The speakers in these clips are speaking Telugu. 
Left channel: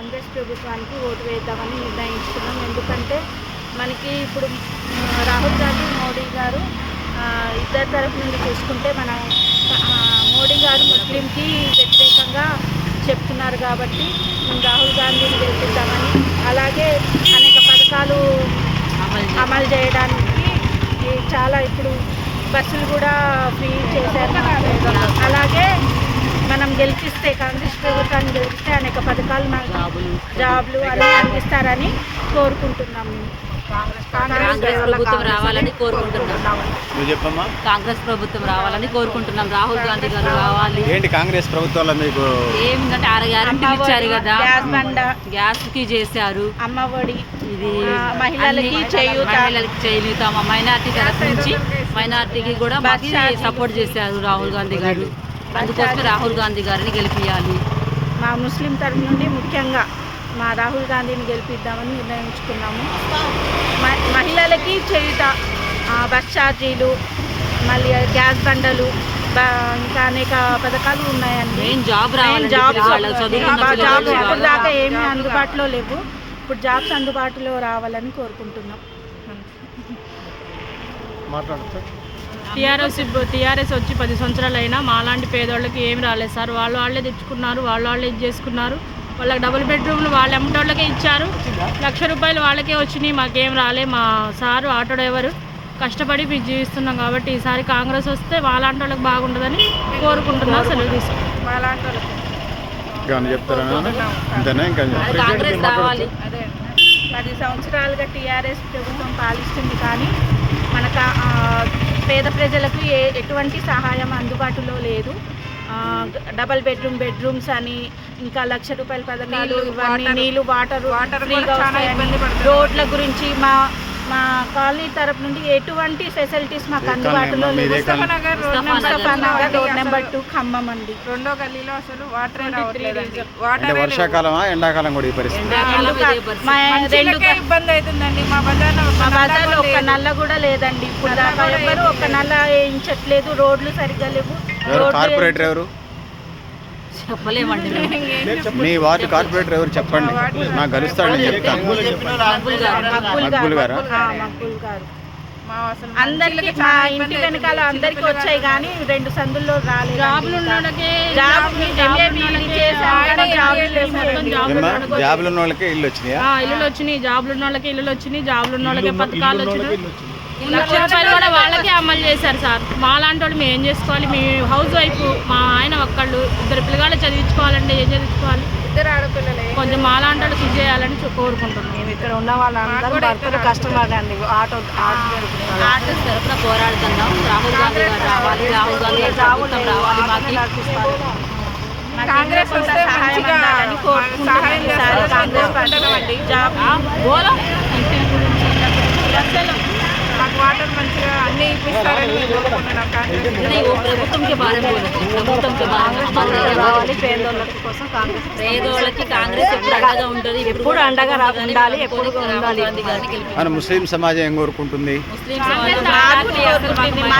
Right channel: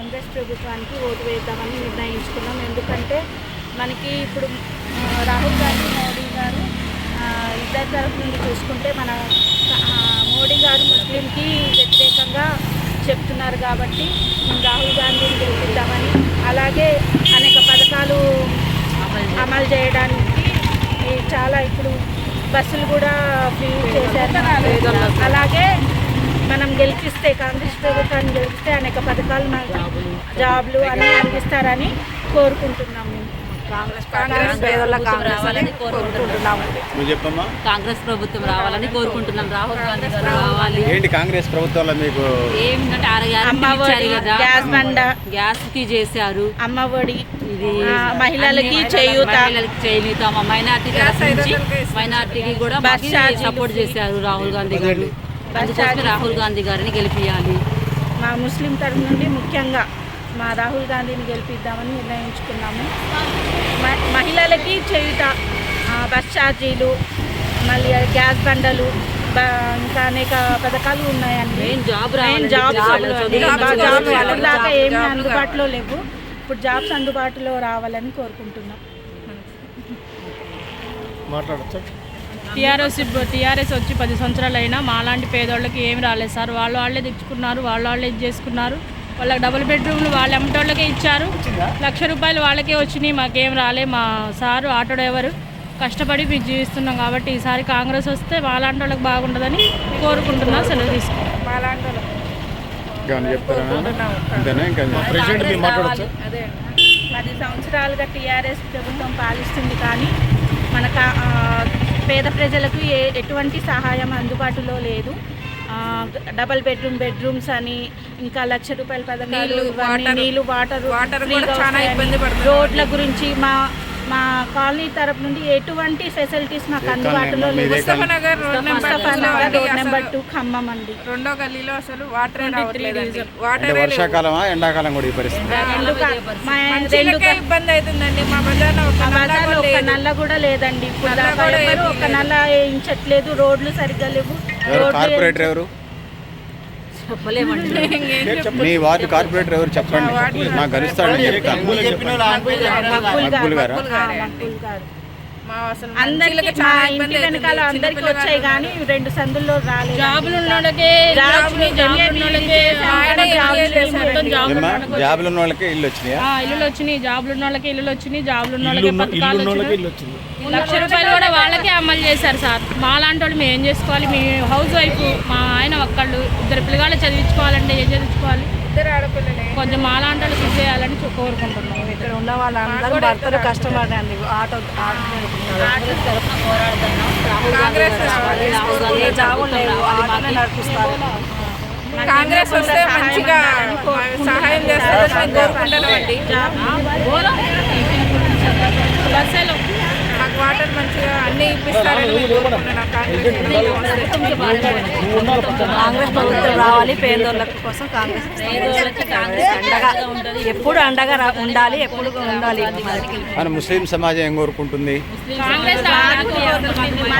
కాంగ్రెస్ ప్రభుత్వానికి ఓటు వేద్దామని నిర్ణయించుకున్నాం. ఎందుకంటే మనకి ఇప్పుడు రాహుల్ గాంధీ మోడీ గారు ఇద్దరు తరఫు నుండి చూసుకుంటే మన మోడీ గారు ముస్లింకి వ్యతిరేకంగా చెప్తున్నారు కాబట్టి మేము రాహుల్ గాంధీని గెలిపిద్దామని, అలాగే అనేక పథకాలు అమలు చేయడానికి చాలా ఇప్పుడు బస్సులు కూడా ఫ్రీ చేశారు. అలాగే మనం గెలిపిస్తే కాంగ్రెస్ ప్రభుత్వాన్ని గెలిపిస్తే అనేక పథకాలు మనకి జాబ్లు అన్నీ అందిస్తారని కోరుకుంటున్నాము. కాంగ్రెస్ ప్రభుత్వం రావాలని కోరుకుంటున్నాము. కాంగ్రెస్ ప్రభుత్వం రావాలని కోరుకుంటున్నాం. రాహుల్ గాంధీ గారు రావాలి. ఏంటి కాంగ్రెస్ ప్రభుత్వంలో మీకు ఏమిటంటే 6 గ్యారెంటీలు ఇచ్చారు కదా, గ్యాస్ కి చేశారు, అమ్మఒడి, ఇది మహిళలకి చేయూత, మైనార్టీ తరఫు నుంచి మైనార్టీకి కూడా మాకు సపోర్ట్ చేశారు రాహుల్ గాంధీ గారు. అందుకోసమే రాహుల్ గాంధీ గారిని గెలిపియాలి. మా ముస్లిం తరఫు నుండి ముఖ్యంగా మా రాహుల్ గాంధీని గెలిపిద్దామని నిర్ణయించుకున్నాము. మహిళలకి చేయుత, బస్ ఛార్జీలు, మళ్ళీ గ్యాస్ బండలు, ఇంకా అనేక పథకాలు ఉన్నాయండి. జాబ్స్ ఇప్పుడు దాకా ఏమీ అందుబాటులో లేవు. ఇప్పుడు జాబ్స్ అందుబాటులో రావాలని కోరుకుంటున్నాం. టీఆర్ఎస్ వచ్చి 10 సంవత్సరాలు అయినా మాలాంటి పేదోళ్ళకి ఏమి రాలేదు సార్. వాళ్ళే తెచ్చుకున్నారు, వాళ్ళే ఇది చేసుకున్నారు. వాళ్ళకి డబుల్ బెడ్రూమ్లు వాళ్ళ అమ్మటోళ్ళకే ఇచ్చారు. 1,00,000 రూపాయలు వాళ్ళకే వచ్చినాయి, మాకేం రాలే. మా సారు ఆటో డ్రైవరు కష్టపడి మేము జీవిస్తున్నాం కాబట్టి ఈసారి కాంగ్రెస్ వస్తే వాళ్ళంటి వాళ్ళకి బాగుంటుందని కోరుకుంటున్నా. సెలవు తీసుకుంటాం. 10 సంవత్సరాలుగా టీఆర్ఎస్ ప్రభుత్వం పాలిస్తుంది కానీ మన పేద ప్రజలకు ఎటువంటి సహాయం అందుబాటులో లేదు. డబల్ బెడ్రూమ్స్ అని, ఇంకా 1,00,000 రూపాయల పథకాలు, ఇవన్నీ నీళ్ళు వాటర్ ఫ్రీగా వస్తాయని, రోడ్ల గురించి మా కాలనీ తరపు నుండి ఎటువంటి ఫెసిలిటీస్ మాకు అందుబాటులో లేదు. ముస్తఫా నగర్ రోడ్ నెంబర్ 2 ఖమ్మం అండి. 2వ గల్లీలో అసలు అంటే వర్షాకాలమా ఎండాకాలం కూడా ఈ పరిస్థితి ఇబ్బంది అవుతుందండి. మా బజార్లో ఒక్క నల్ల కూడా లేదండి. ఇప్పుడు దాకా ఎవరు ఒక్క నల్ల వేయించట్లేదు. రోడ్లు సరిగ్గా లేవు. కార్పొరేటర్ ఎవరు? మీ వార్డు కార్పొరేటర్ ఎవరు చెప్పండి, నాకు కలుస్తాడు, నేను చెప్తాను. మక్బూల్ గారు అందరికి మా ఇంటి వెనకాల అందరికి వచ్చాయి కానీ 2 సందుల్లో రాలేదు. జాబులు ఉన్న వాళ్ళకి ఇల్లు వచ్చినాయి, ఇల్లులు వచ్చినాయి. జాబులు ఉన్న వాళ్ళకి ఇల్లులు వచ్చినాయి. జాబులు ఉన్న వాళ్ళకి పథకాలు వచ్చినాయి. 1,00,000 రూపాయలు కూడా వాళ్ళకే అమలు చేశారు సార్. మా లాంటి వాళ్ళు మేము ఏం చేసుకోవాలి? మీ హౌస్ వైఫ్, మా ఆయన ఒక్కళ్ళు, 2 పిల్లగాళ్ళు చదివించుకోవాలంటే ఏం చదివించుకోవాలి? 2 ఆడపిల్లలే. కొంచెం మా లాంటి వాళ్ళు కృషి చేయాలని కోరుకుంటున్నాం. ఇక్కడ ఉన్న వాళ్ళందరూ భర్తలు కష్టపడండి. ఆటో తరఫున పోరాడుతున్నాం. రాహుల్ గాంధీ గారు రావాలి, రాహుల్ గాంధీ గారు ప్రభుత్వం రావాలి, మాకు నడిపిస్తారు. కాంగ్రెస్ వస్తే మంచిగా సహాయం చేస్తారని కోరుకుంటున్నామండి. మాకు వాటర్ మంచిగా అన్నీ ఇప్పిస్తారని మేము కోరుకుంటున్నాం. రావాలి. పేదోళ్ళకి కోసం కాంగ్రెస్ ఎప్పుడు అండగా ఉండాలి, ఎప్పుడు ఉండాలి. ముస్లిం సమాజం ఏం కోరుకుంటుంది?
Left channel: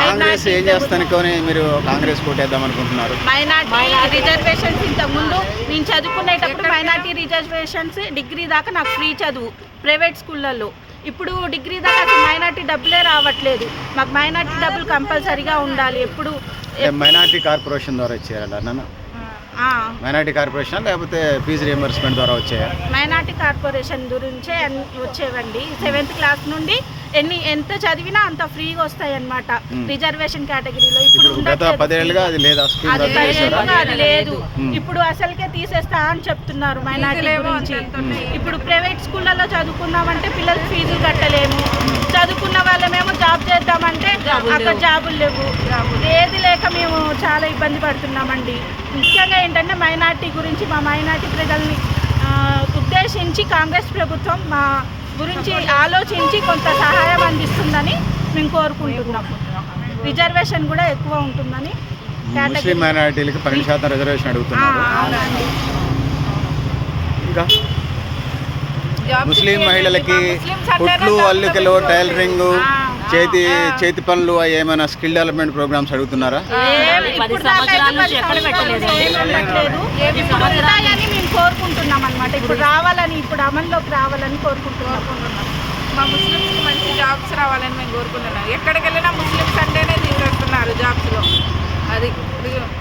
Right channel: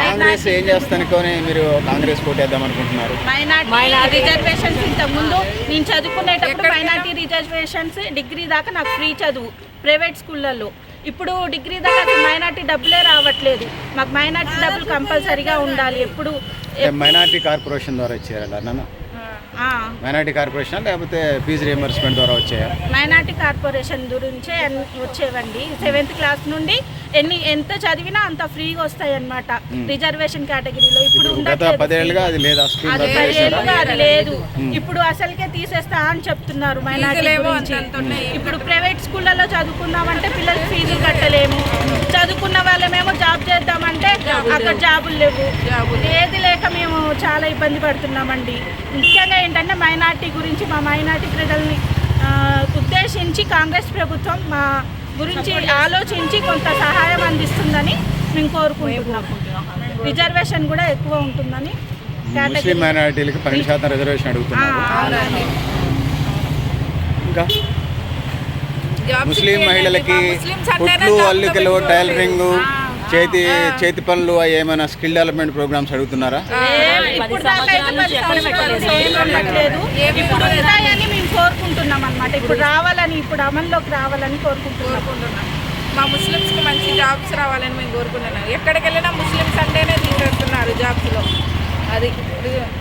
కాంగ్రెస్ ఏం చేస్తానుకొని మీరు కాంగ్రెస్ కోటేద్దాం అనుకుంటున్నారు? మైనార్టీ రిజర్వేషన్స్ ఇంతకుముందు నేను చదువుకునేటప్పుడు మైనార్టీ రిజర్వేషన్స్ డిగ్రీ దాకా నాకు ఫ్రీ చదువు ప్రైవేట్ స్కూళ్ళల్లో. ఇప్పుడు డిగ్రీ దాకా అసలు మైనార్టీ డబ్బులే రావట్లేదు. మాకు మైనార్టీ డబ్బులు కంపల్సరీగా ఉండాలి. ఎప్పుడు మైనార్టీ కార్పొరేషన్ ద్వారా ఇచ్చేయాలి. మైనార్టీ కార్పొరేషన్ లేకపోతే ఫీజు రియంబర్స్మెంట్ ద్వారా వచ్చాయా? మైనార్టీ కార్పొరేషన్ గురించే వచ్చేవండి. 7th క్లాస్ నుండి ఎంత చదివినా అంత ఫ్రీగా వస్తాయి అన్నమాట రిజర్వేషన్ కేటగిరీలో. ఇప్పుడు 10 ఏళ్ళుగా అది లేదా? 10 ఏళ్ళుగా అది లేదు. ఇప్పుడు అసలుకే తీసేస్తా అని చెప్తున్నారు మైనార్టీ గురించి. ఇప్పుడు ప్రైవేట్ స్కూళ్ళలో చదువుకుందామంటే పిల్లలకి ఫీజులు కట్టలేము. చదువుకున్న వాళ్ళమేమో జాబ్ చేద్దామంటే అక్కడ జాబులు లేవు. ఏది లేక మేము చాలా ఇబ్బంది పడుతున్నామండి. ముఖ్యంగా ఏంటంటే మైనార్టీ గురించి, మా మైనార్టీ ప్రజల్ని ఉద్దేశించి కాంగ్రెస్ ప్రభుత్వం మా గురించి ఆలోచించి కొంత సహాయం అందిస్తుందని మేము కోరుకుంటున్నాం. రిజర్వేషన్ కూడా ఎక్కువ ఉంటుందని. ముస్లిం మైనారిటీలకి 10% రిజర్వేషన్ అడుగుతున్నారు. ఇంకా ముస్లిం మహిళలకి కుట్లు, అల్లికలు, టైలరింగ్, చేతి పనులు ఏమైనా స్కిల్ డెవలప్మెంట్ ప్రోగ్రామ్స్ అడుగుతున్నారా? ఇప్పుడు ఉంటాయని మేము కోరుకుంటున్నాం అన్నమాట. ఇప్పుడు రావాలని, ఇప్పుడు అమల్లోకి రావాలని కోరుకుంటున్నాం. మా ముస్లిమ్స్కి మంచి జాబ్స్ రావాలని మేము కోరుకుంటున్నాం. ఎక్కడికి వెళ్ళినా ముస్లిమ్స్ అంటేనే తీసేస్తున్నారు జాబ్స్లో. అది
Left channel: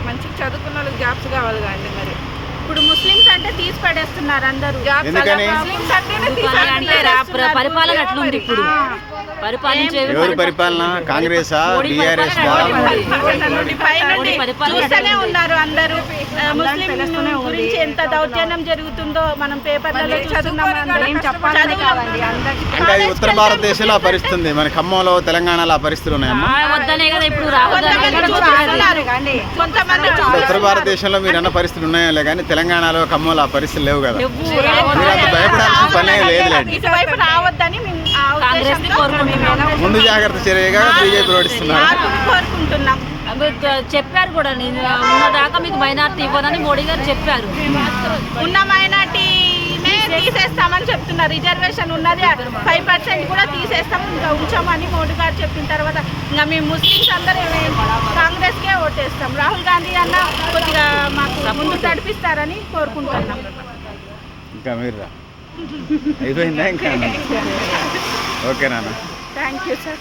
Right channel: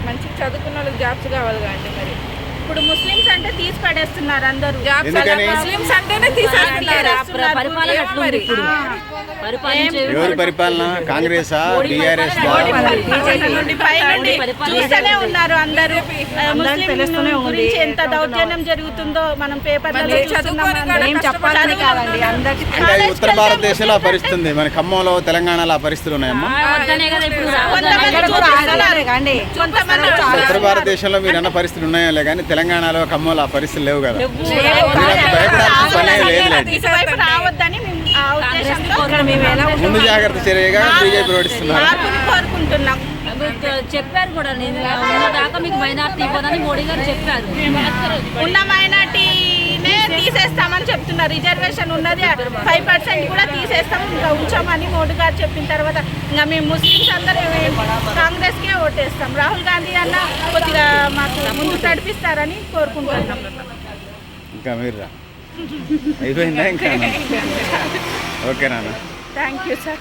మంచి చదువుకున్న వాళ్ళకి జాబ్స్ కావాలి కానీ మరి ఇప్పుడు ముస్లిమ్స్ అంటే తీసి పడేస్తున్నారు అందరూ. ఎందుకని? ముస్లిమ్స్ అంటేనే తీసేస్తున్నారు. పరిపాలన ఎట్లుంది ఇప్పుడు? పరిపాలించే ఎవరు పరిపాలన? కాంగ్రెసా, బీఆర్ఎస్ నుండి పైనుండి చూస్తూనే ఉన్నారు అందరూ. ముస్లిం గురించి ఎంత దౌర్జన్యం జరుగుతుందో మనం పేపర్లలో చూస్తున్నాం. చదువులో అంటే అది ఉత్తర భారతదేశంలో ఆ పరిస్థితి ఉంది. మన ఖమ్మంలో, తెలంగాణలో ఆ పరిస్థితులు ఉన్నాయమ్మా. వద్దనే కదా ఇప్పుడు రాహుల్ కొంతమంది చూపిస్తున్నారు, కొంతమంది ఉత్తర భారతదేశంలో మీరు అన్న పరిస్థితులు ఉన్నాయో కానీ తెలంగాణలో, ఖమ్మంలో ఆ పరిస్థితులు లేవు కదా. మీరు అంత భయపడాల్సిన పనే లేదులేండి. ఇటువైపు రావద్దని మేము ఆ ఉద్దేశంతో ముందు జాగ్రత్త చర్యగా బీజేపీ ప్రకటిస్తున్నారు. మార్పుని కోరుకుంటున్నాం. చెప్పారు కూడా, నేను ఉన్నదాకా మీకు మైనార్టీ ఇవ్వదని మోడీ గారు చెప్పారు. ఉన్న మైనార్టీనే తీసేస్తామని చెప్తున్నారు. రిజర్వేషన్ ఉన్నది 5% కూడా తీసేస్తాం, ఇంకా ఉంచామని మోడీ గారు చెప్పిన తర్వాత ఇంకా మేము ముస్లిమ్స్ అందరూ కాంగ్రెస్కే ఓటేస్తాం. రాహుల్ గాంధీ అన్న కొద్దిగా మాకు ముందుకు నడిపిస్తారని కోరుకుంటున్నాం. ఇంకా మీరు అయిపోయిందా? ఇంకా ఓకే నాన్న. Thank you sir.